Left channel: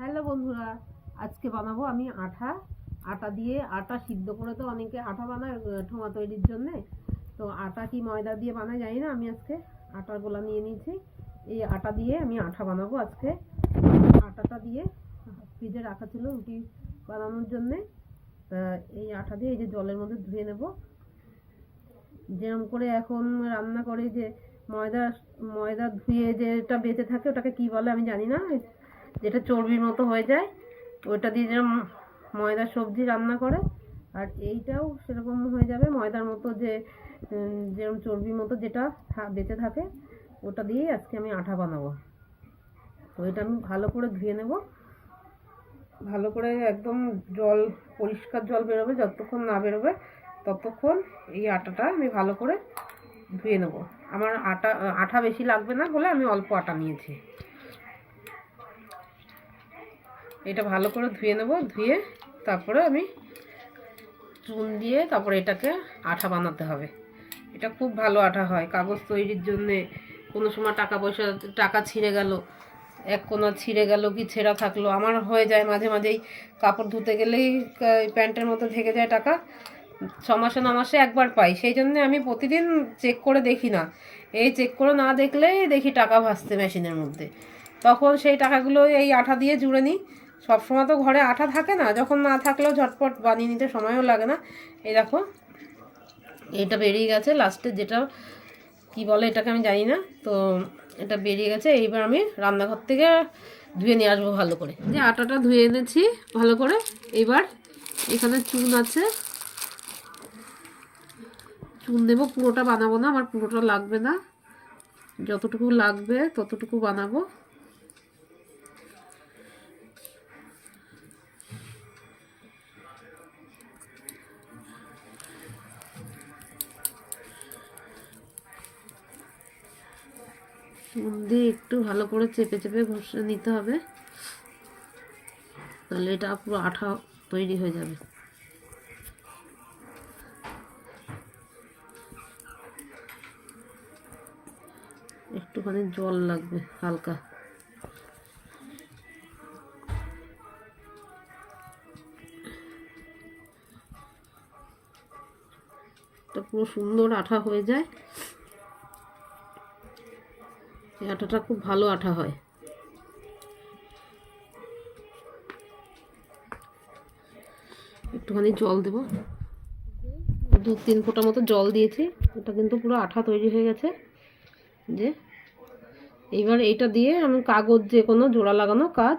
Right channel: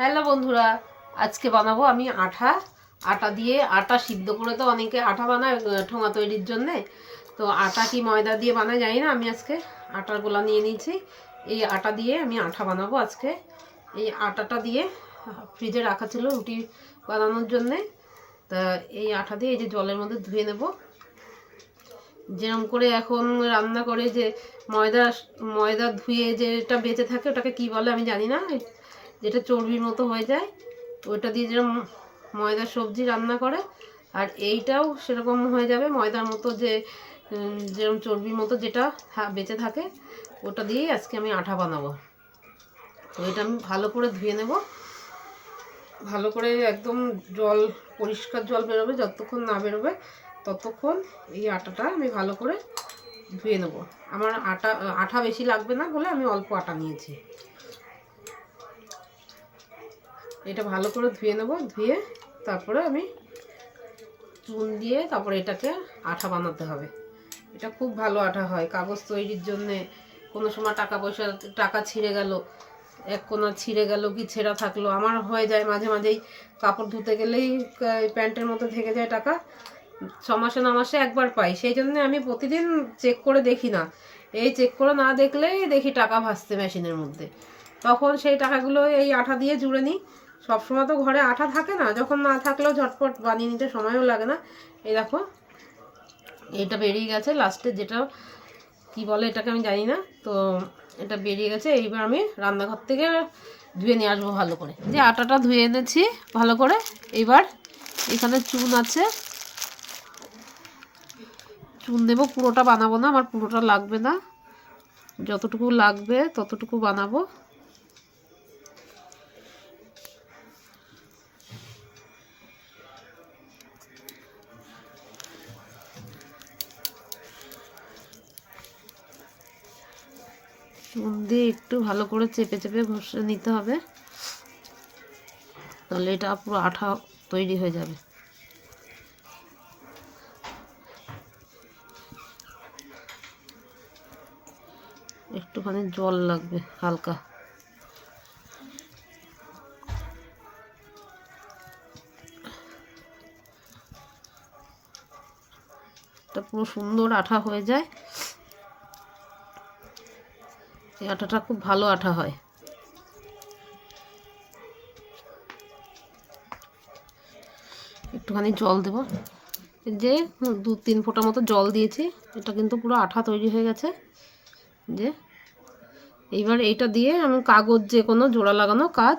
Hello বন্ধুরা, আজকে বানাবো আমি আঠা। আটা দিয়ে আটা সিদ্ধ করে তো অনেকে আঠা বানায় ঠোঙা তৈরির জন্যে। তো আটা কি ময়দা দিয়ে বানায় জানি না, আমি আজকে আটার গোলা নিয়ে নিয়েছি। এই আটা দিয়ে আমি আঠা বানাবো আজকে। এই আটাটা দিয়ে ফ্রিজে রাখা ছিল রুটি বানানোর জন্যে। তা এই আটা দিয়ে এই যে জলের মধ্যে ধুয়ে নেব। যেরম করে এখন রান্না করে যে ময়দা ময়দা ধুয়ে যেটা বেঁচে থাকে ওটাকে কি বলে আমি জানি না। যেটা চর্বির মতো হয়ে যায়, ওটা দিয়ে যেরকম ময়দা সবজি রান্না করে, আর এইটাও সেরকম হয়ে যাবে। ময়দার মতো যে যেরকম চর্বির মতো যেটা বেঁচে থাকে, ওটা দিয়েই আজকে আমি আঠা বানাবো। তো এটা আমি ভালো করে ধুয়ে নেব। ভালো করে একদম জল, পরিষ্কার জল বেরোবে, যতক্ষণ না বেরোবে, ততক্ষণ এই আটাটা আমি ভালো করে ধুয়ে নেব। আমার আটা, আঠা বেশি লাগবে না বলে আমি অল্প আটা নিয়েছি। এটা ভালো করে ধুয়ে নেব, ধুয়ে তারপরে আমি চুন দিয়ে তারপরে এটাকে আঠা বানাতে হবে। এটা খুব ভালো আঠা হয়, কাগজ তৈরির জন্যে। কোনো সময় টাকা পয়সা, টাকা ছিঁড়ে গেল, এক কোনা ছিঁড়ে গেল কি ছেঁড়া থাকল। আমার হয়ে যায় মাঝে মাঝেই, কাপড় ধুতে গেলেই প্যান্টের মতো থেকে যায় টাকা। ছ মাসে, ন মাসে একবার পাই, সেই জন্য আমি প্রতিদিন চেক করে দেখি না। এই চেক করে না দেখলেই দেখি টাকা ভাসতে মেশিনের মধ্যে। তখন সেই টাকাগুলো এই আঠা দিয়ে জুড়ে নিই সবসময় তো ঘরে আঠা থাকে না, যখন না থাকলেও ঝটপট বানিয়ে নিতে সময়ও লাগে না। এই দেখো, এটা বেরিয়ে গেছে লাস্টে যেটা, কি বলে এটাকে আমি জানি না, তো এটা বেরিয়ে গেছে, এইবার আমি রান্নাঘর থেকে ধুয়ে নিয়ে আসব ভালো করে। যে আটাটা ধুয়ে এনেছি ভালো করে এবার এখানে চুন আছে। চুন দেবো, পুরোটা বানাবো না, আমার পুরোটা লাগবে না। যতটুকু লাগবে ততটুকু বানাবো। দিয়ে একটু ভালো করে চেপে চেপে ঘষে নিতে হবে। তাহলে এটা পুরো আঠা তৈরি হয়ে যাবে। একটুখানি জল লাগবে, হালকা। পুরো সুন্দর আঠা হয়ে যায়। এই আটাটা খুব ভালো আটা হয়। একটুখানি জল দেব। যে দু তিন ফোঁটা মতো জল দিয়েছি, এটা কিন্তু পুরো আঠা তৈরি হয়ে গেছে। যে, এইবার এইটা দিয়ে আমি কাগজ যে কোনো জোড়া লাগানো কাজ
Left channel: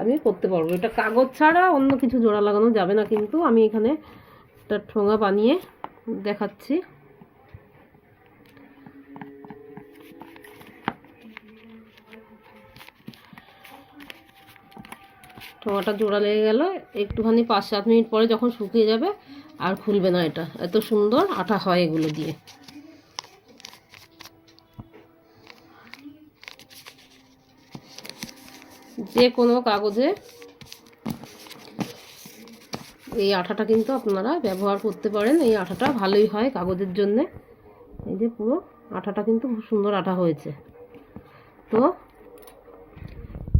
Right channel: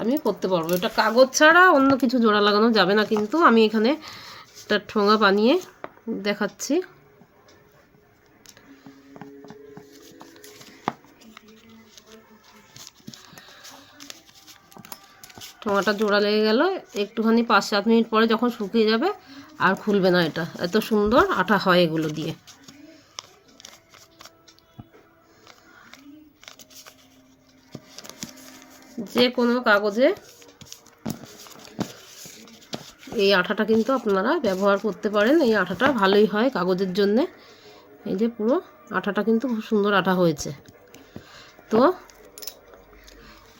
আমি করতে পারব। এটা কাগজ ছাড়া অন্য কিছু জোড়া লাগানো যাবে না, কিন্তু আমি এখানে একটা ঠোঙা বানিয়ে দেখাচ্ছি। ঠোঙাটা জোড়া লেগে গেল। একটুখানি পাঁচ সাত মিনিট পরে যখন শুকিয়ে যাবে, আর খুলবে না এটা। এত সুন্দর আঠা হয় এগুলো দিয়ে। যে কোনো কাগজে এই আঠাটা কিন্তু আপনারা ব্যবহার করতে পারেন। এই আঠাটা ভালোই হয় কাগজের জন্যে। এই যে পুরো আঠাটা কিন্তু খুব সুন্দর আঠা হয়েছে। তো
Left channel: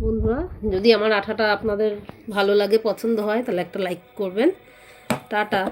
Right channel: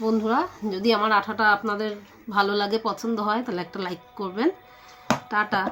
বন্ধুরা যদি আমার আঠাটা আপনাদের ভালো লাগে পছন্দ হয় তাহলে একটা লাইক করবেন। টাটা।